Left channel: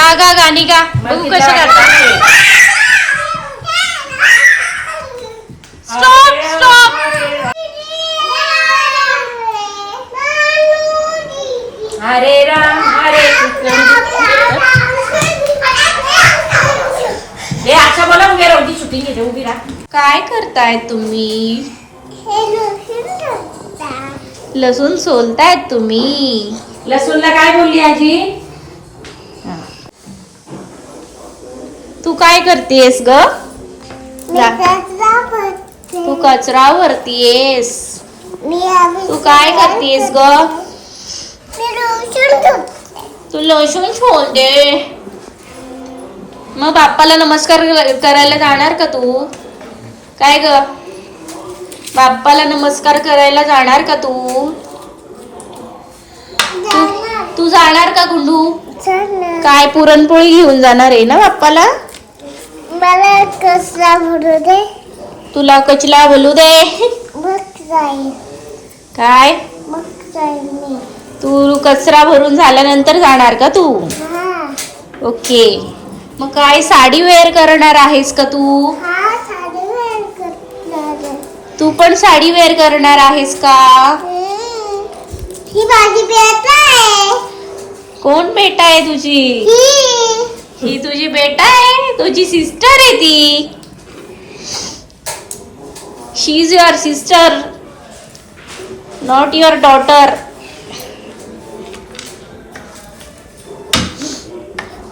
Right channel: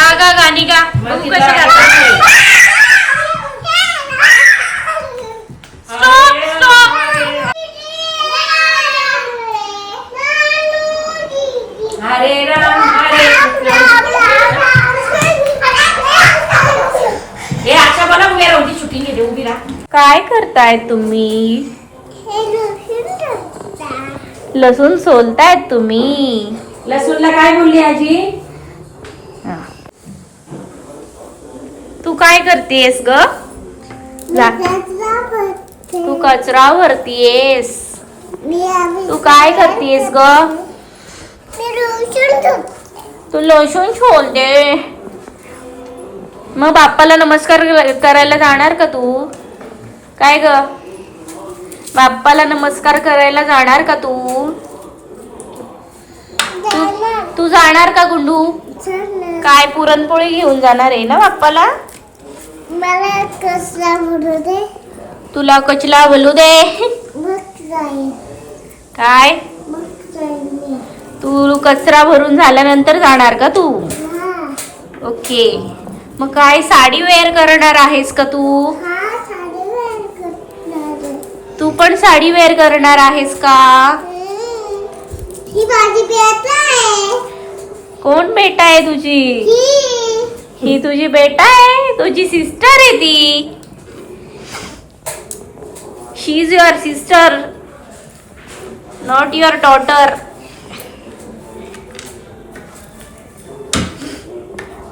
गा गा गाणी गा. बघू कशा गातात स्टॉप स्टॉप हरे राम हे असं मला उभे उभी राहा. काय करताय तुम्ही? लसूण सोलतायत तुम्ही. लसूणला काय बोलली आजी? काय करतेस ग? तू कचरा भरतीयस तू काय करतेस ग? तू लसूण सोलते मग बाप्पाला नमस्कार करायला जाणार का तू? काय ग? बाप्पाला नमस्कार करायला जाणार का तू? तू तू जाणार का गुंडू? काय पुरणपोळी घेऊन जाणार आहे ना बाप्पाला? मला कसला भरू दे? तुला कचला बोलू दे? मग जाईल. काय? मग जाईल मी. तू कचरा भरून झाल्यानंतर जाणार का तू? हा. ओके. मग काय साडी वेअर करणार आहेस का तू? हा साडी वेअर करणार आहे. तू पण साडी वेअर करणार आहेस का? हम्म. ही माझी बेटा आहे. कोण बेटा आहे तुझी? ही. ही तुझी बेटा आहे तुझी सिस्टर आहे ती. She is your sister not your daughter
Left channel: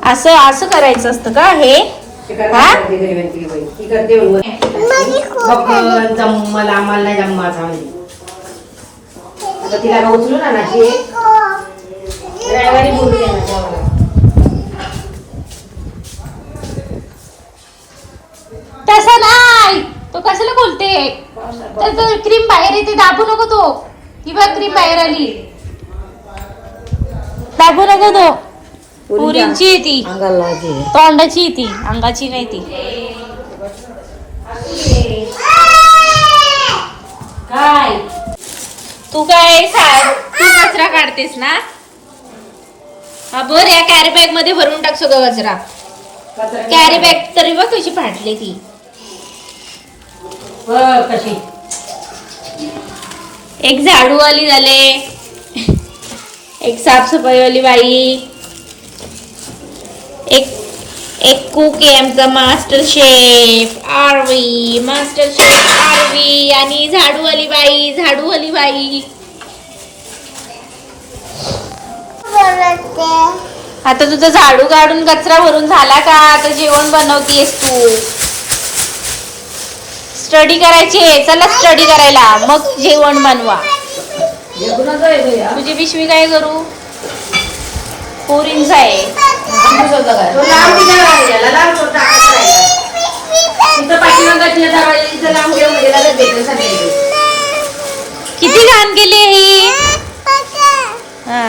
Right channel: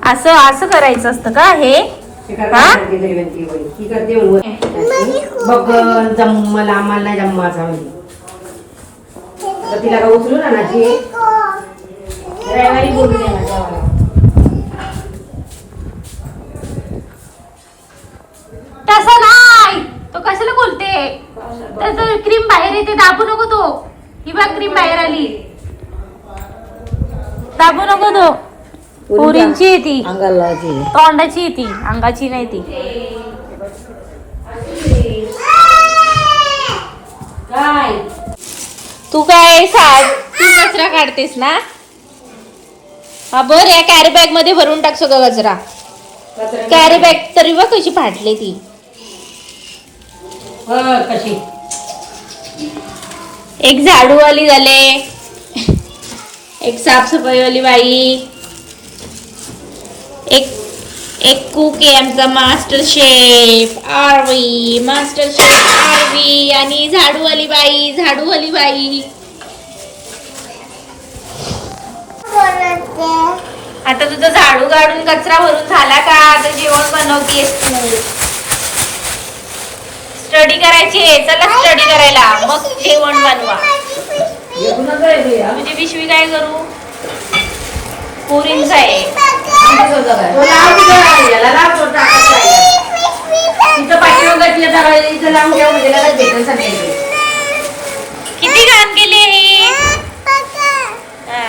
असं असं करायचं असतं का हे? हा? मला आम्हाला म्हणजे तिला का उचलू ना तसं नाही. तो कशाला बोलते? तर तो क्रीम बाहेर येते दाबू नको तो. ही बघ क्रीम बाहेर आली. दाबू नको तो. पुरींची आहे ती अंगाला तोंडाची आहे ती अंगाची नाही ती. काय? तू काय सा- तू कचरा काढतेस ना? हा बर या कॅरी बॅगमध्ये भरून टाक सगळं कचरा. कॅरी बॅग तरी बघ कशी फाटली ती. कशी. एक झाडूवाली झाले. एक साफसफाईवाली बाई. एक एक कुक आहे आमचा master chef Aarvi master chef Aarvi आणि झाडूवाली बाई झाडूवाली बाई. आता तुझं झाडू काढून कचरा भरून झाला का? आता जेवण बनवतीयस तू. स्टडी करायची आहे. चला स्टडी करायला. मग जेवण बनवा. तुझी पिशवी काय करू? पोरींच आहे. किती घाण गेली ही हा.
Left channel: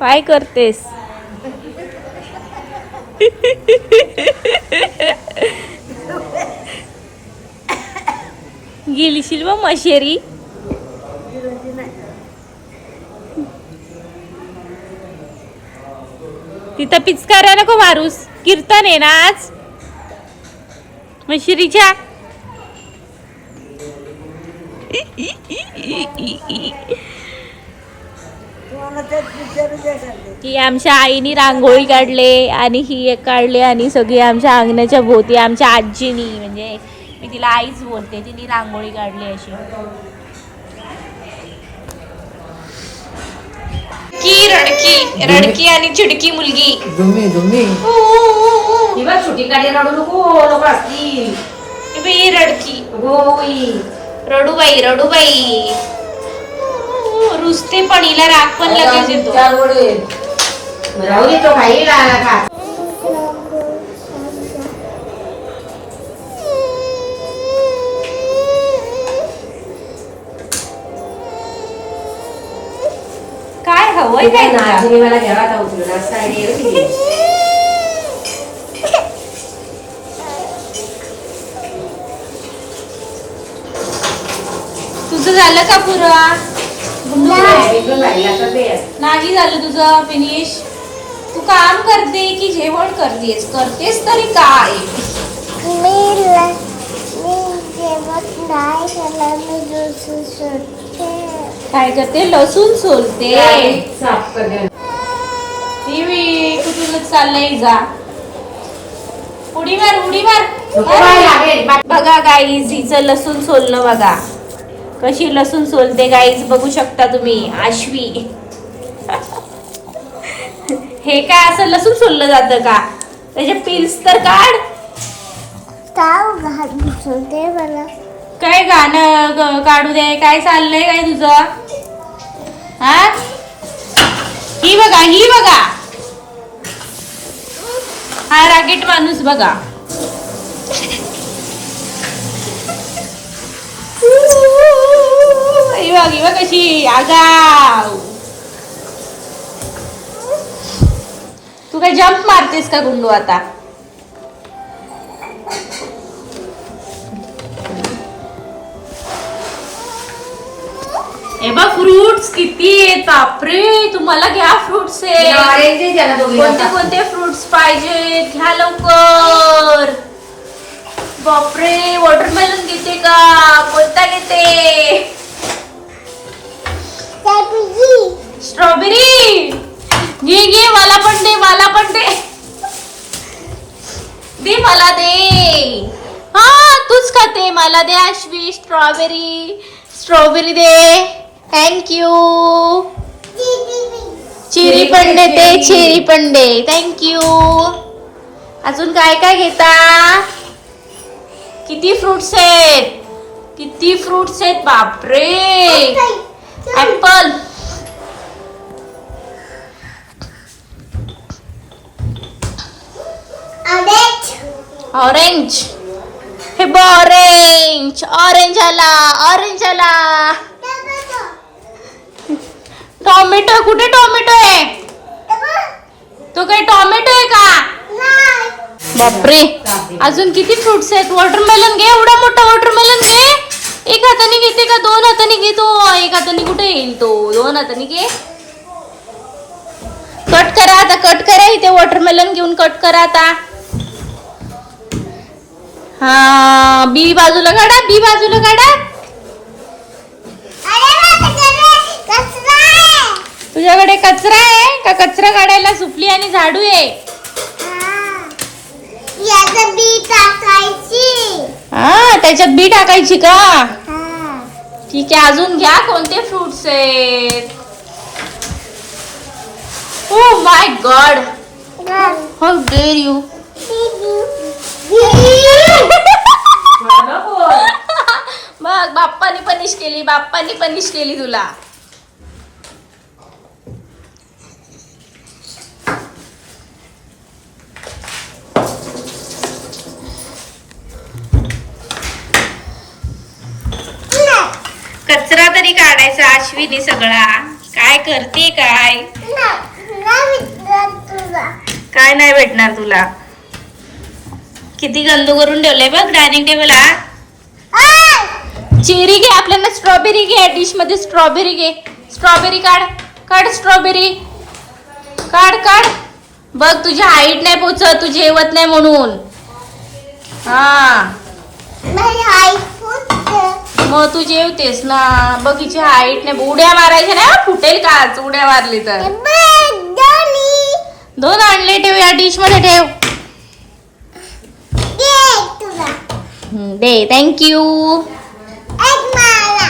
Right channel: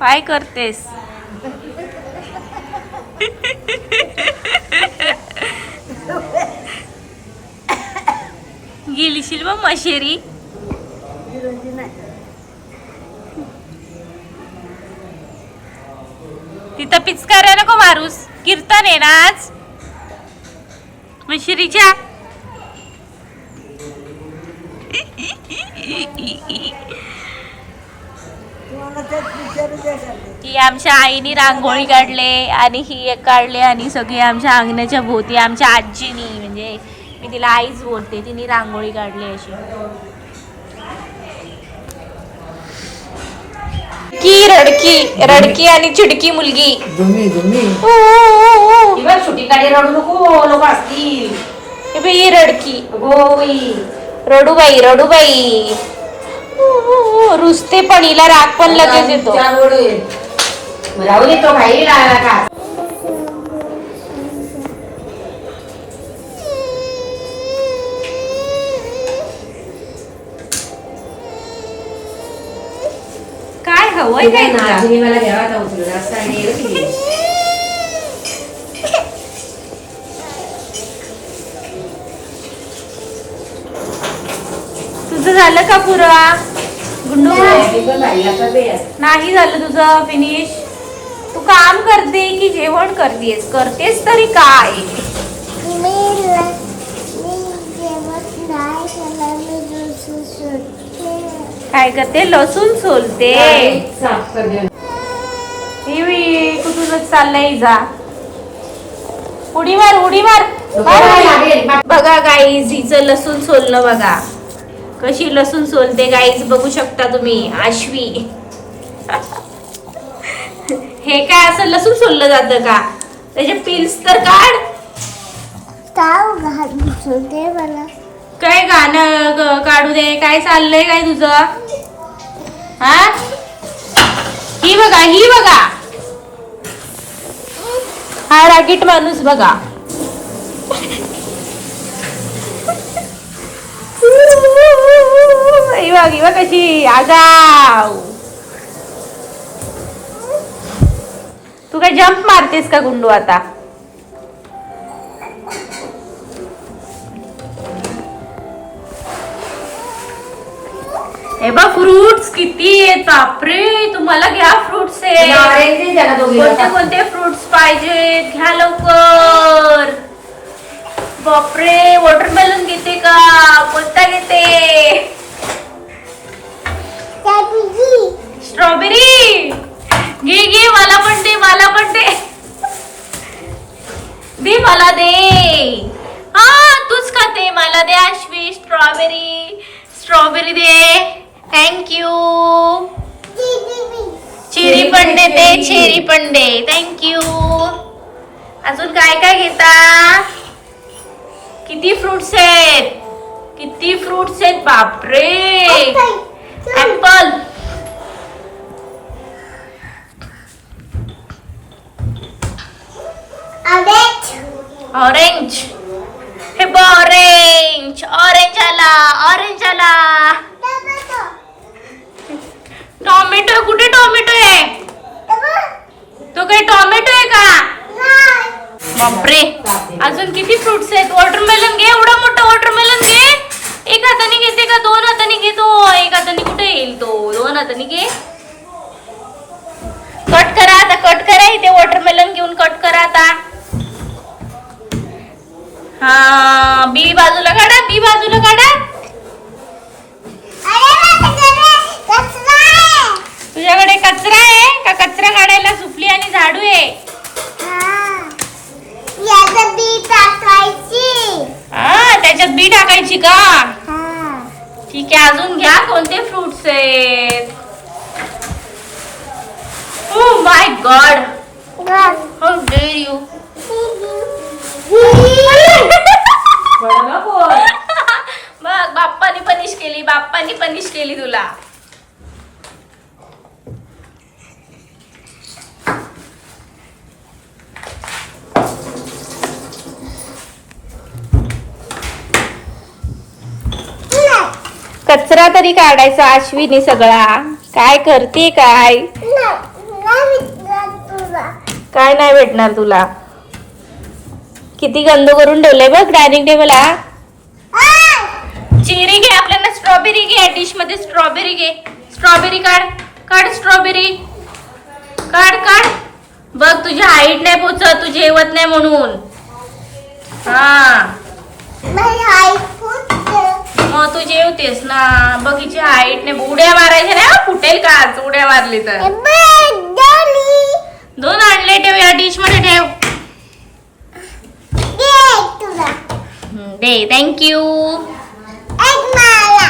काय करतेस. गेलीशील ब मशेरी. तिथं पिचकाऱ्या नको मारूस. कीर्तन आहे ना आज. मशिरीच्या. की आमच्या आईने रांगोळी काढले आणि ही एक काढली आणि सगळी आमच्या अंगणाच्या भोवती आमच्या आजीनी म्हणजे मी तिला आईच बोलते तिने रांगोळी काढली अशी. की रडकी रडकी आणि चिडकी मुलगी. काढी रडू नको लोक असतील. ए बाई रडकी. गोई रडूबाई रडूबाई रुसते पण हिला राग पण लगेच येतो राहू दे तो खाईल आला का काय हवंय काय तुला? नाचीने मला घ्यावा. तुझं झालं का पुरा नाही झालं तुझं फिनिश तू काम करते की जेवण करतेस? करतेस तरी काय? मी ल- मी जेवत नाही त्याला मी दुसरं सुटते काय करते? लसूण सोलते. गाडी साफ कर दे. हिवी, तू तुझं चाललंय जा. उडी मार उडी मार. बघा गाईज हिचं लसूण सोललं बघा. कशी लसूण सोलते गाईज बघू शकता तुम्ही. आश्वी. हे काय असं लसूण सोललं जातं का? त्याचे पिल्स तर काढ. मला. काय गाणं काढू दे. काय चाललंय काय तुझं? हा? ही बघा ही बघा. हा राकेट माणूस बघा. ही बघ कशी आगाव. तू काय जम्प मारतेस का गुंडू आता? हे बघ फ्रुट्स किती आहेत बापरे. तुम्हाला घ्या फ्रुट्स कोणते. कोणते फ्रुट्स पाहिजेत घ्या लवकर. बापरे वॉटरमेलन घेते का? कोणता घेते? स्ट्रॉबेरी. घे घे मला पण दे मला पण दे. दे मला दे. हा तूच खाते मला दे अश्वी स्ट्रॉबेरी. स्ट्रॉबेरी दे. थँक्यू चिरी पण देते चिरी पण दे. थँक्यू अजून काय काय घेता? किती फ्रुट्स आहेत? किती फ्रुट्स आहेत? बापरे! ऍपल ऑरेंज हे बघ ऑरेंज ऑरेंज आला ऑरेंज आला टोमॅटो कुठे टोमॅटो आहे? तो काही टोमॅटो आहे का? बापरे. अजून किती फ्रुट्स आहेत? वॉटरमेलन घे एवढा मोठा वॉटरमेलन घे. एक हाताने घेते का? दोन हाताने घेतो. एक हाताने कुठे येईल तो? दोन हाताने घे. कट करा आता कट करा इथे वॉटरमेलन घेऊन कट करा आता. हा बी बाजूला काढा बी बाजूला काढा. तुझ्याकडे कचरा आहे का? कचरा काढायला सुपली आणि झाडू आहे. बी टाकायची. हा त्याच्यात बी टाकायची का? हा. ठीक आहे अजून घ्या कोणते फ्रुट्स आहेत. ओ my god how dare you बघ बाप्पानी पनिश केली बाप्पानी पनिश केली तुला. कचरा तरी काढायचा अश्विनी सगळा. काय करते काय? काय नाही भेटणार तुला. किती गल्लो करून ठेवलंय बघ डायनिंग टेबल चेरी घे आपल्याला स्ट्रॉबेरी घे डिशमध्ये स्ट्रॉबेरी घे. स्ट्रॉबेरी काढ काढ स्ट्रॉबेरी काढ काढ. बघ तुझ्या हाईट नाही पोचत तू जेवत नाही म्हणून. हा. माझी मग तू जेवतेस ना हिची हाईट नाही उड्या मारायच्या ना फुटेल का उड्या मारली तर. दोन आणले ठेव या डिशमध्ये ठेव. दे थँक्यू एक मला.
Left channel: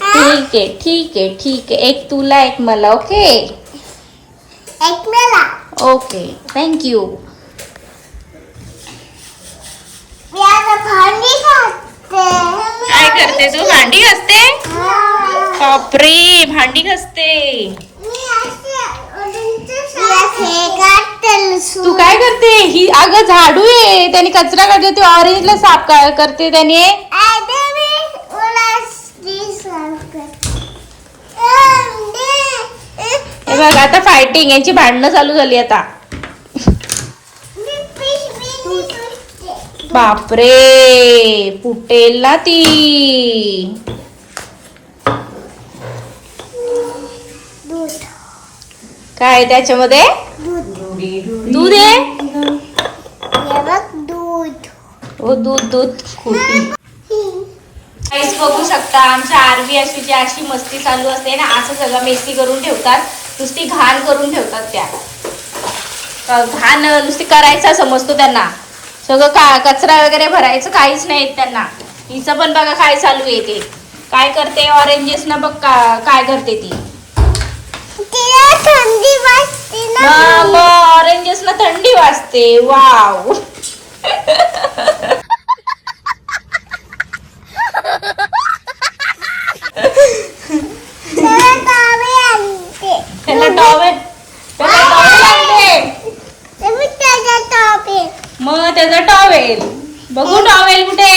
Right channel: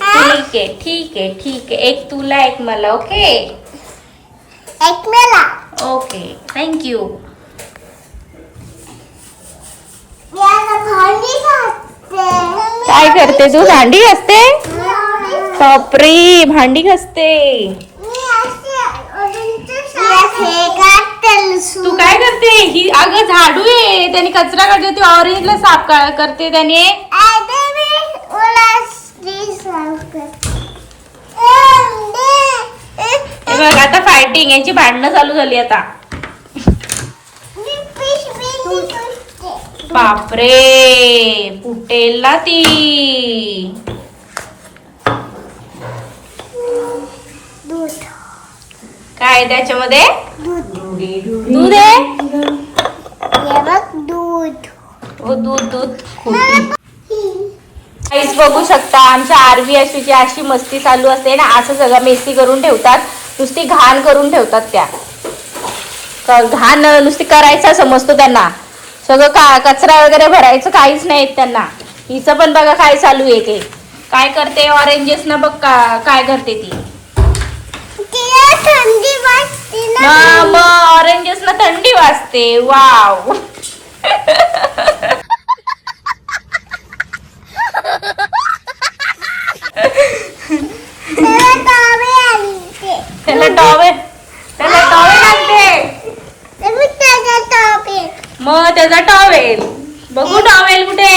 ठीक आहे ठीक आहे ठीक आहे. एक तुला एक मला ओके? एक मला. ओके थँक्यू काय करते तू? भांडी घासते? बापरे भांडी घासते. तू काय करते? ही अगं झाडू आहे. त्याने कचरा काढते ती ऑरेंजला साफ करते त्याने. बघ आता फायटिंग यांची भांडणं चालू झाली आता. बापरे फुटेल ना ती. काय त्याच्यामध्ये? दूध दूध आहे? हे बघ दूध. हो दूध दूध खोटी. काहीच बघू शकता आमच्या आरबी अशी जी अशी मस्ती चालू असते ना असं सगळं मेस्ती करून ठेवतात नुसती घाण करून ठेवतात त्या. घाण नुसती करायचा समजतो त्यांना. सगळं का कचरा वगैरे भरायचं काहीच नाही त्यांना. हिचं पण बघा काय चालू आहे ते. काय करते ऑरेंजेस ना बघ काय करते ती. ऑरेंजेस ना. थंडी वाजते. वाव. त्याला आणते. त्याला टॉवेल. त्याला मग त्याचा टॉवेल. बघू टॉवेल कुठे?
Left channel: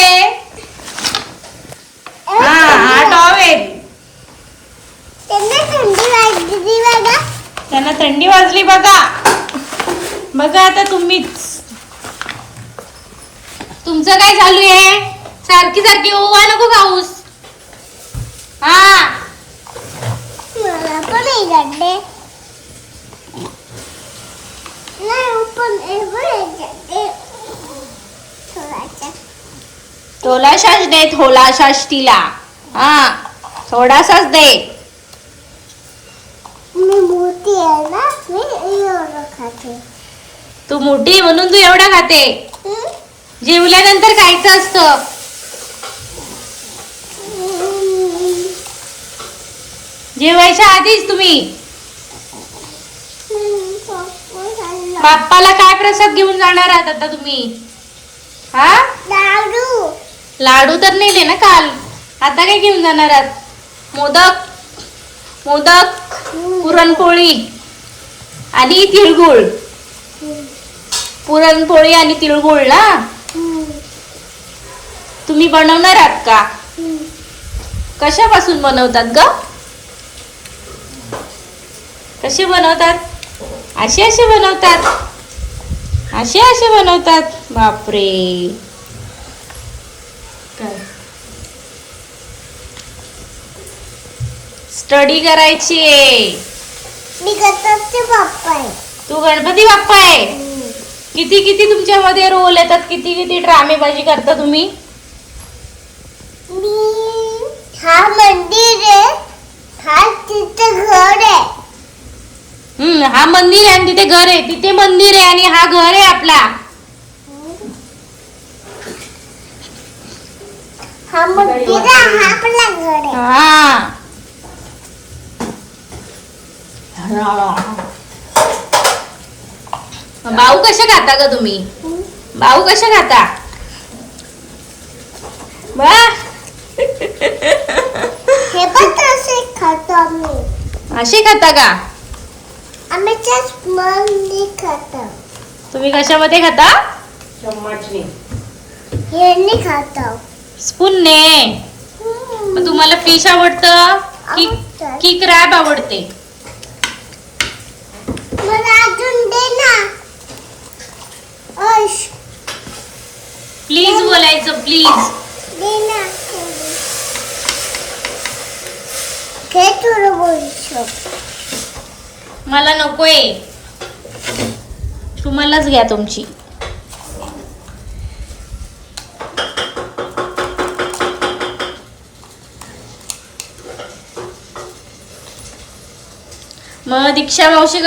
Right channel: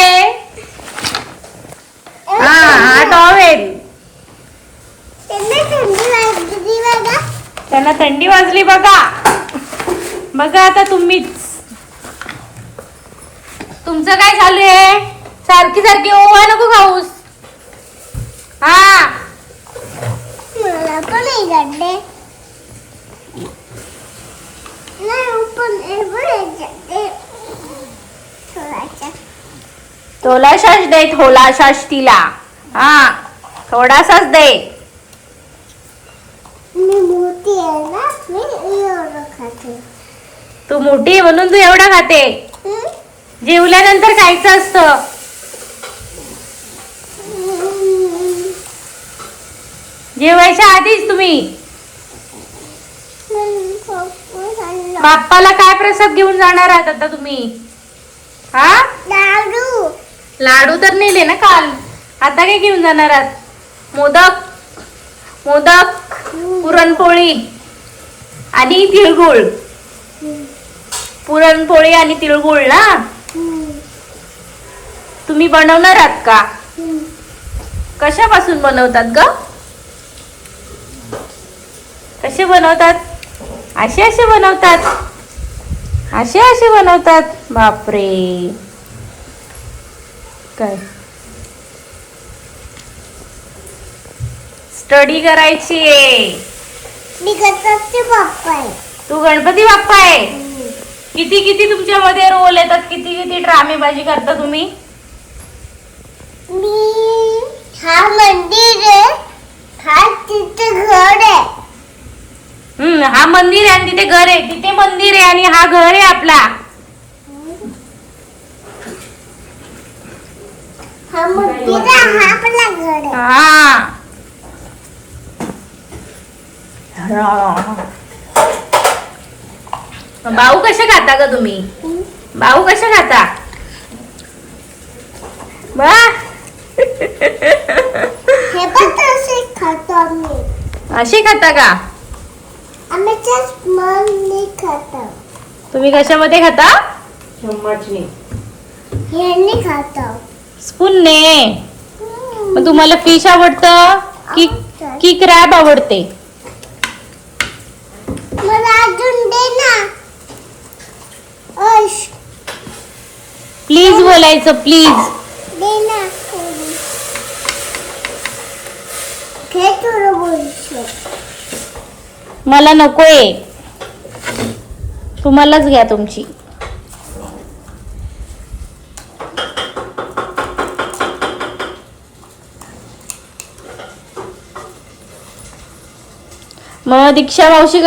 हा हा टॉवेल. त्यांना थंडी वाजली बघा. त्यांना थंडी वाजली बघा. बघा आता तुम्हीच. तुमचं काय चालू आहे? सारखी सारखी ओवा नको खाऊस. हा. मला पण एक गड्डे नाही पण एवढे थोडासा थोला शास दे थोला शास तिला. हा थोडासाच दे. मी मोठी आहे ना मी एवढं खाते. तू मोठी आहे म्हणून तू एवढा खाते. हं? जेवल्यानंतर खायचं असतं. जेवायच्या आधीच तुम्ही. पप्पू खाल्लं. बाप्पाला काय प्रसाद घेऊन जाणार आहात आता तुम्ही? हा? लाडू. लाडू तर नेले ना काल. आता काय घेऊन जाणार आहात मोदक मोदक पुरणपोळी आणि तिळगुळ. पुरणपोळी आणि तिळगुळ ना? तुम्ही बनवणार आहात का? कशापासून बनवतात ग? कसे बनवतात? असे असे बनवतात. असे असे बनवतात. बापरे. काय? स्टडी करायची आहे. मी गणपती बाप्पा आहे. तू गणपती बाप्पा आहे. किती किती तुमच्यामध्ये रोल येतात? किती किती ड्रामेबाजी करता तुम्ही? मी हा मंदिर आहे. हा तिथं घर आहे. हम्म हा मंदिर आहे आणि तिथे घर आहे. तिथे मंदिर आहे आणि हा घर आहे आपला. हा. मंदिर आहे, हा आपला घर आहे हा भाऊ कसे खाता ग तुम्ही. भाऊ कसे खाता? बा. हे पण तसे खातो आम्ही अशी खाता का? आम्ही मन नाही खातो तुम्ही कशामध्ये खाता? चम्मचने. हे नाही खातो. स्पूनने. हं. मग तुम्हाला फिश आवडतं? की. की क्रॅब आवडते? ना. प्लीज बोलायचं प्लीज. ना. मला नकोय. तुम्हालाच घ्या तुमची. मग दीक्षा मावशी